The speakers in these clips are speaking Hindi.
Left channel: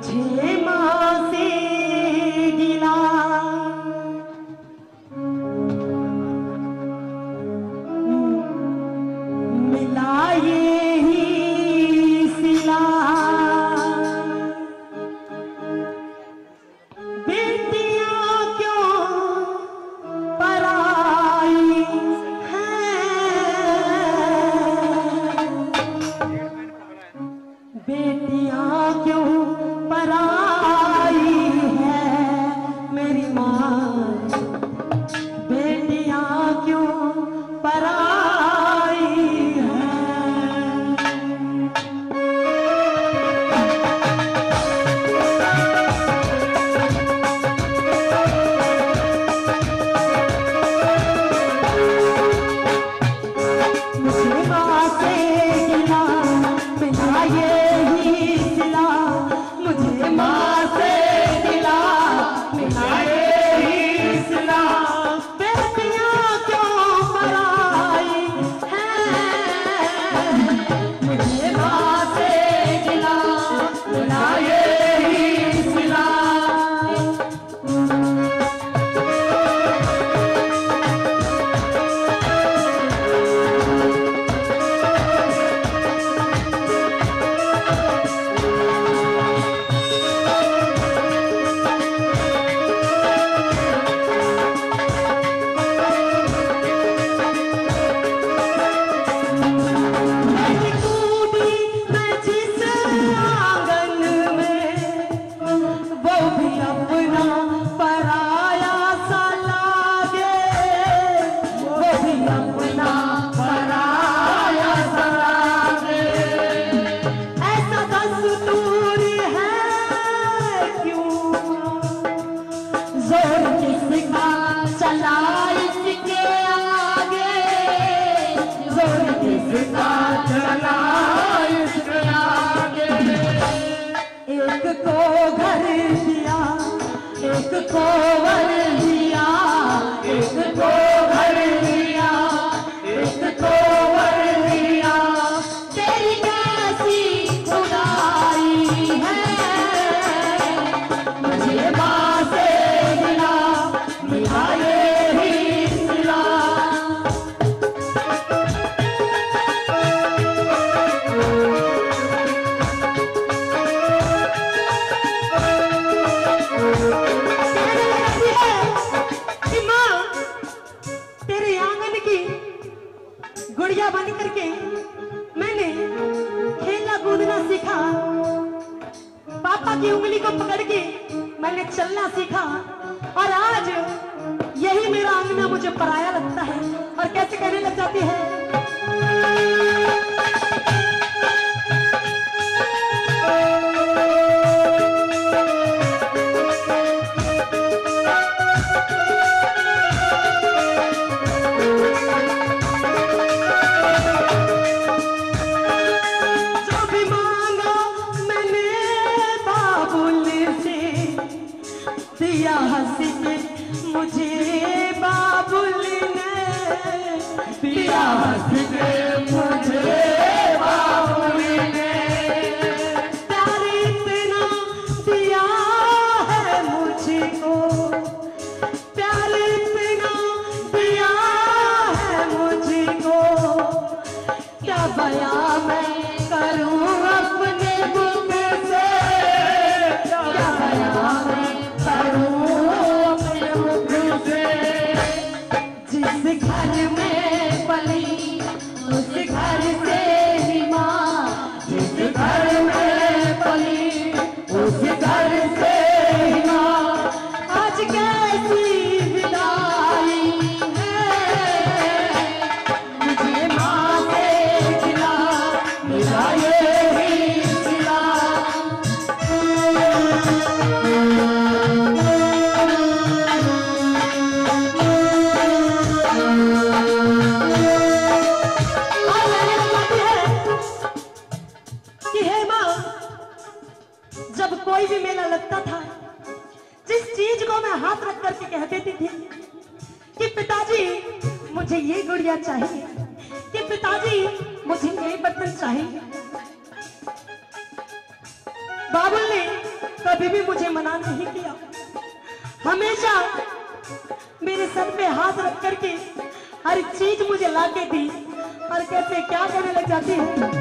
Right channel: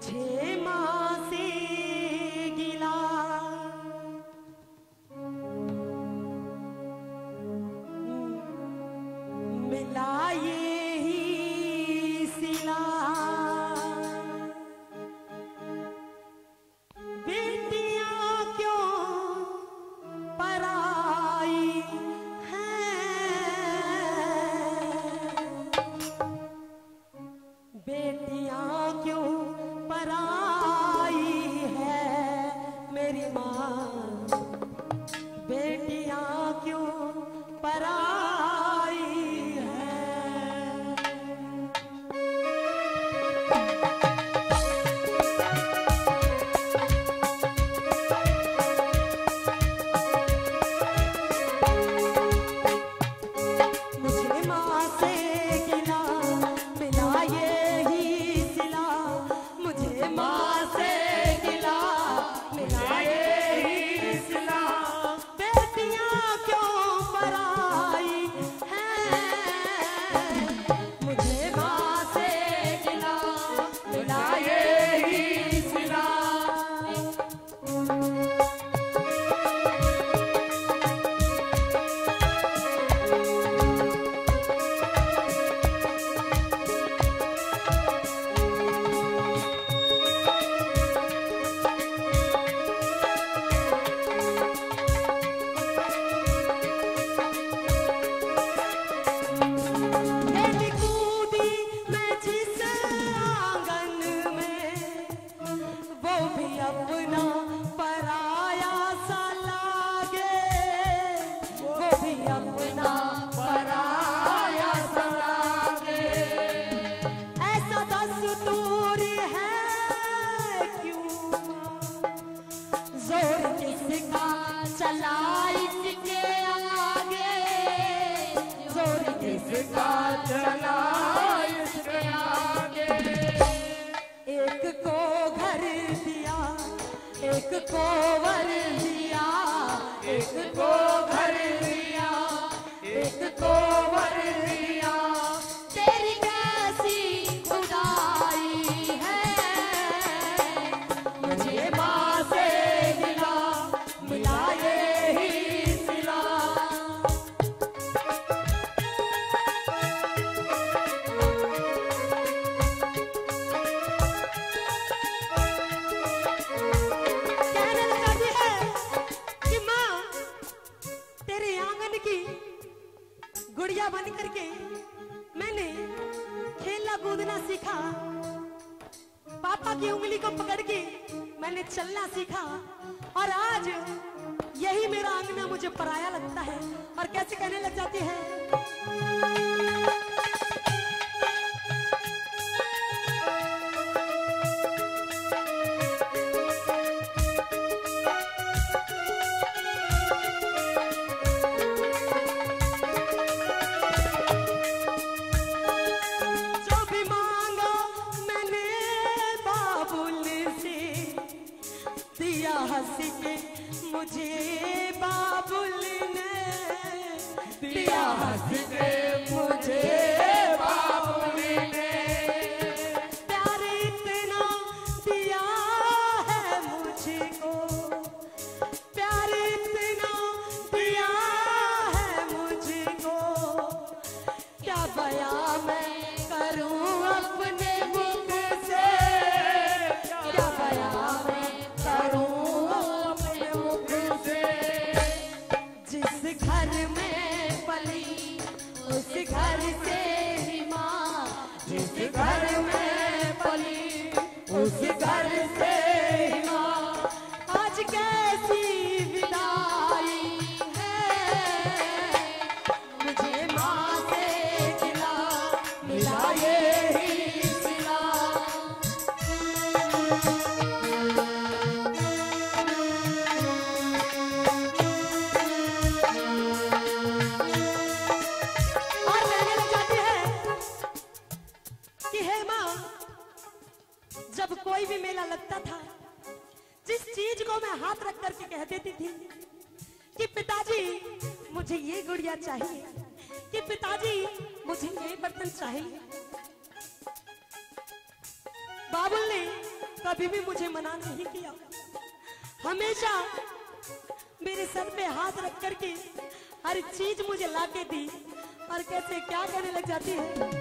मुझे माँ से गिला मिला ये ही सिला। बेटियां क्यों पराई हैं, बेटियां क्यों पराई है मेरी माँ, बेटियां क्यों पराई है। मुझे माँ से गिला मिला ये ही सिला, मुझे माँ से गिला मिला ये ही सिला। बेटियां क्यों पराई हैं, मुझे माँ से गिला मिला ये ही सिला। मेरी कूदी मैं जिस आंगन में, वो भी अपना पराया सा लागे, वो भी अपना पराया सा लागे। ऐसा दस्तूरी है क्यों, जोर किसका चला इसके आगे, जोर किसका चला इसके आगे। एक को घर दिया, एक को वर दिया, एक को घर दिया, एक को वर दिया। तेरी कैसी खुदाई है, मुझे माँ से मिला मिला ये ही सिला। कहने लगती है कि माँ, तेरे आंगन की गुड़िया बन करके मैंने खेलना कूदना सीखा, पापा की उंगली को पकड़ के मैंने चलना सीखा, और आज यही मेरा आंगना मुझे पराया लगता है। और कैसे कहने लग जाती है, जो भी मांगा मैंने बाबुल से, दिया हंस के मुझे बाबुल ने, दिया हंस के मुझे बाबुल ने। प्यार इतना दिया है मुझको, प्यार इतना दिया है मुझको, क्या बयां मैं करूं अपने दुख से, क्या बयां मैं करूं अपने दुख से। जिस घर में पली उस घर से ही माँ, जिस घर में पली उस घर से ही माँ। आज कैसी विदाई है, मुझे माँ से गिला मिला ये ही सिला। और मैंने कहती है कि हे माँ, जब कोई भी मेला लगता था, जिस चीज को मैं हाथ रख करके कह देती थी कि पिताजी मुझे ये गुड़िया चाहिए, कि पिताजी मुझे ये बर्तन चाहिए, बाबुल ने कभी भी मुझे मना नहीं किया, हमेशा मेरे सर पे हाथ रख करके हर चीज मुझे ला के दी। और कैसे क्या करने लग जाती है।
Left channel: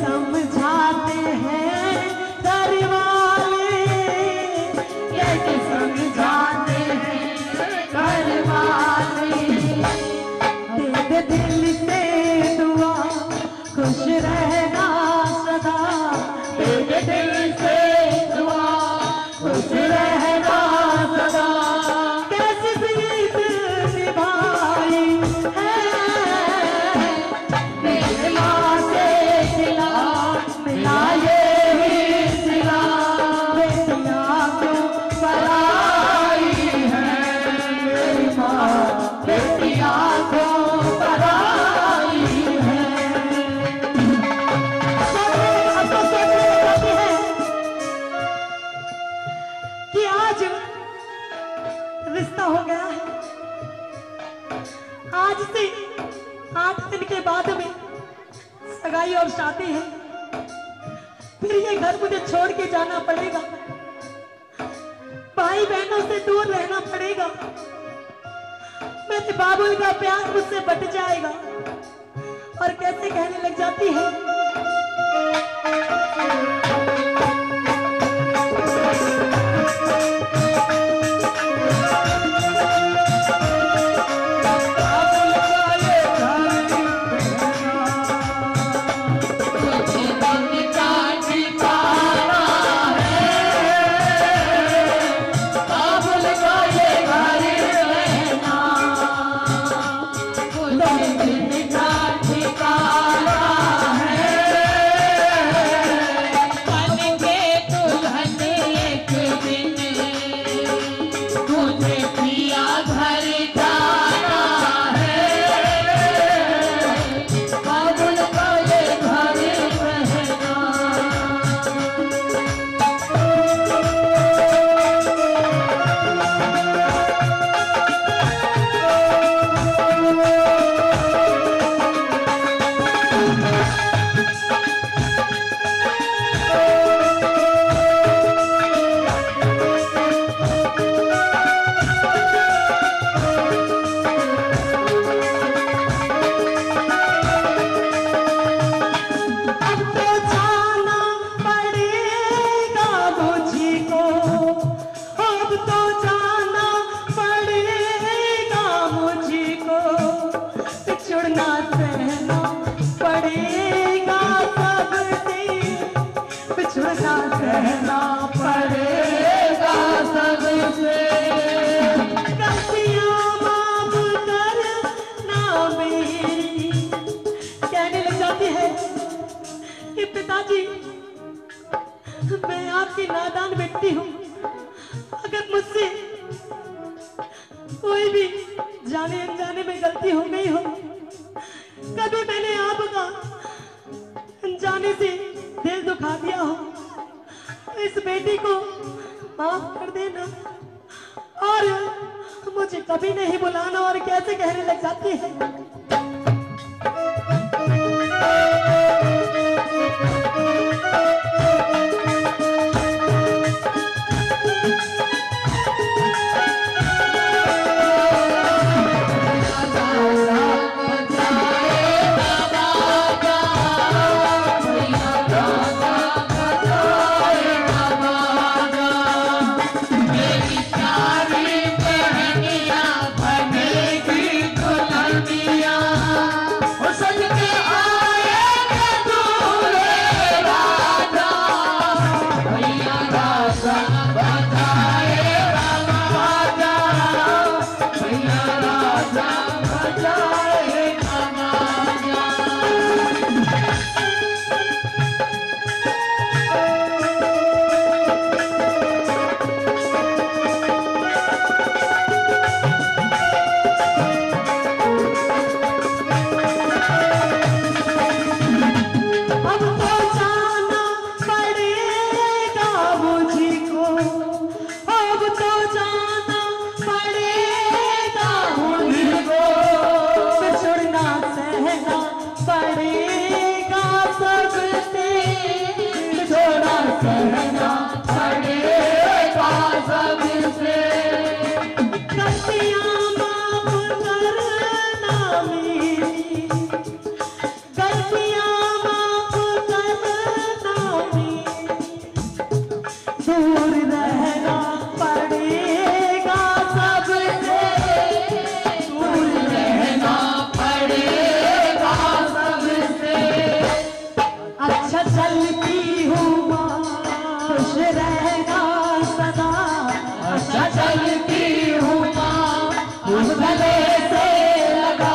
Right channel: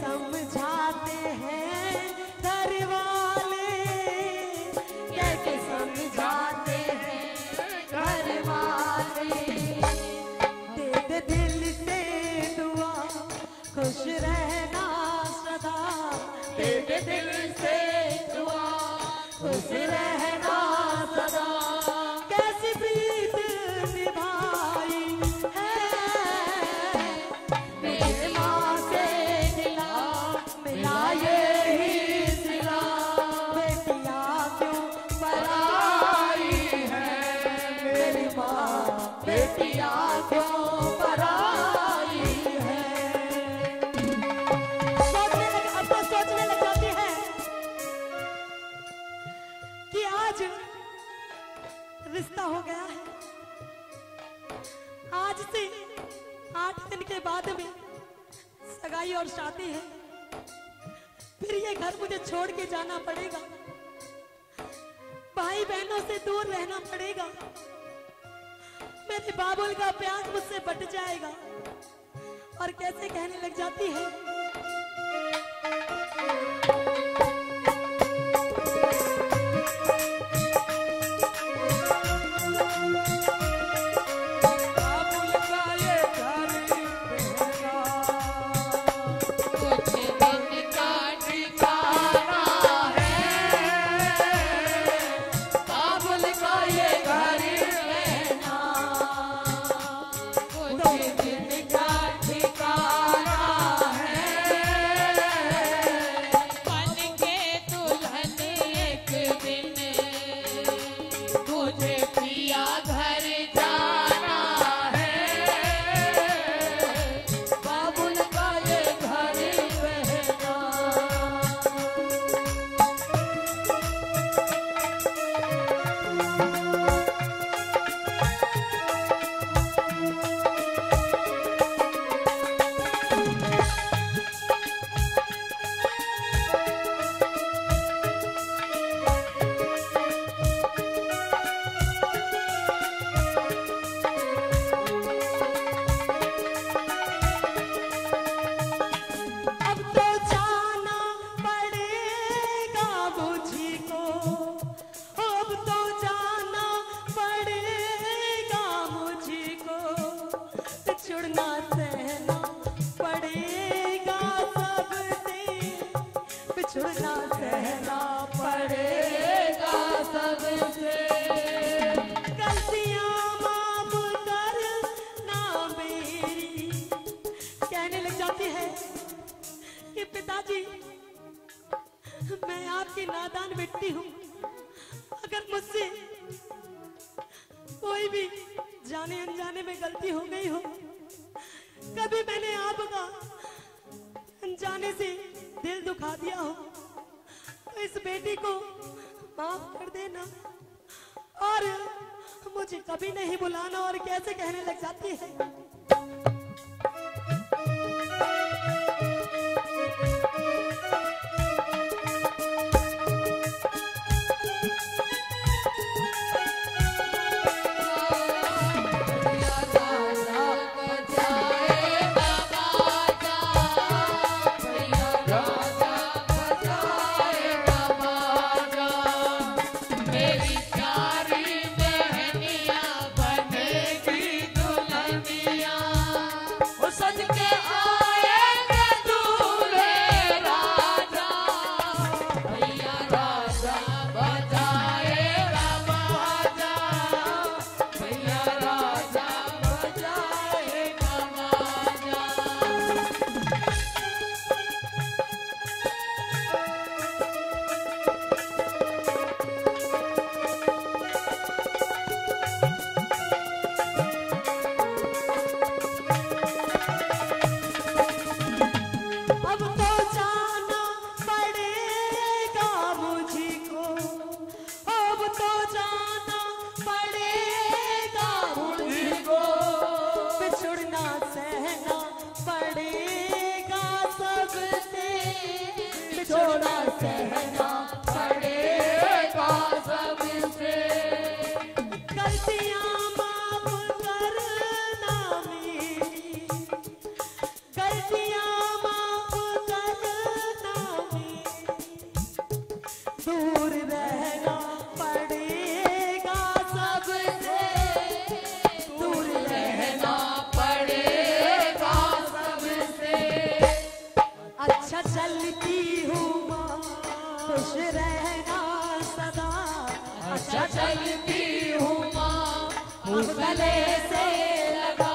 समझाते हैं घर वाले, कैसे समझाते हैं घर वाले। तेरे दिल से दुआ खुश रहना सदा, तेरे दिल से दुआ खुश रहना सदा। कैसी प्रीत निभाई है मेरे माँ से मिलाए सिला, बेटिया क्यों पराई है मेरी माँ, बेटिया क्यों पराई है। अब तो सोचने लगते हैं कि आज रिश्ता हो गया है, आज से 8 दिन के बाद में सगाई और शादी है, फिर ये घर मुझे छोड़ के जाना पड़ेगा, भाई बहनों से दूर रहना पड़ेगा, मेरे बाबू का प्यार मुझसे बट जाएगा। और कैसे कहने लग जाती है, पिताजी मैं आपकी नादान व्यक्ति हूँ, अगर मुझसे कोई भी जाने अनजाने में गलती हो गई हो, कभी मैंने आपका अनजाने से दिल दुखा दिया हो, इस बेटी को माफ कर देना और मुझे कभी नहीं बुलाना। और कैसे कहने लग जाती है, अच्छा चलती हूँ माँ उस गले से लगा।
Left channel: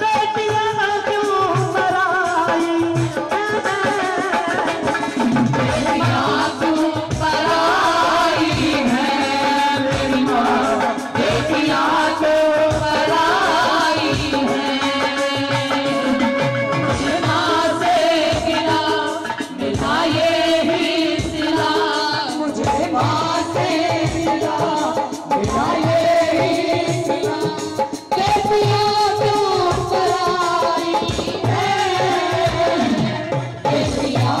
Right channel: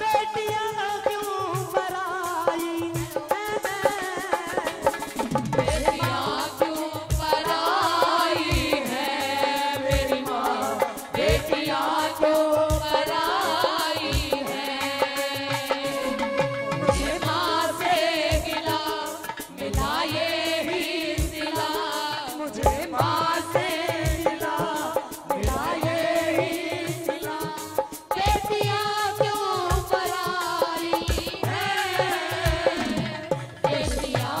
बेटियां क्यों पराई बेटियां क्यों पराई हैं मेरी माँ, बेटियां क्यों पराई हैं। मुझे माँ से गिला मिला ये ही सिला, मुझे माँ से गिला मिला ये ही सिला। बेटियां क्यों पराई हैं, बेटियां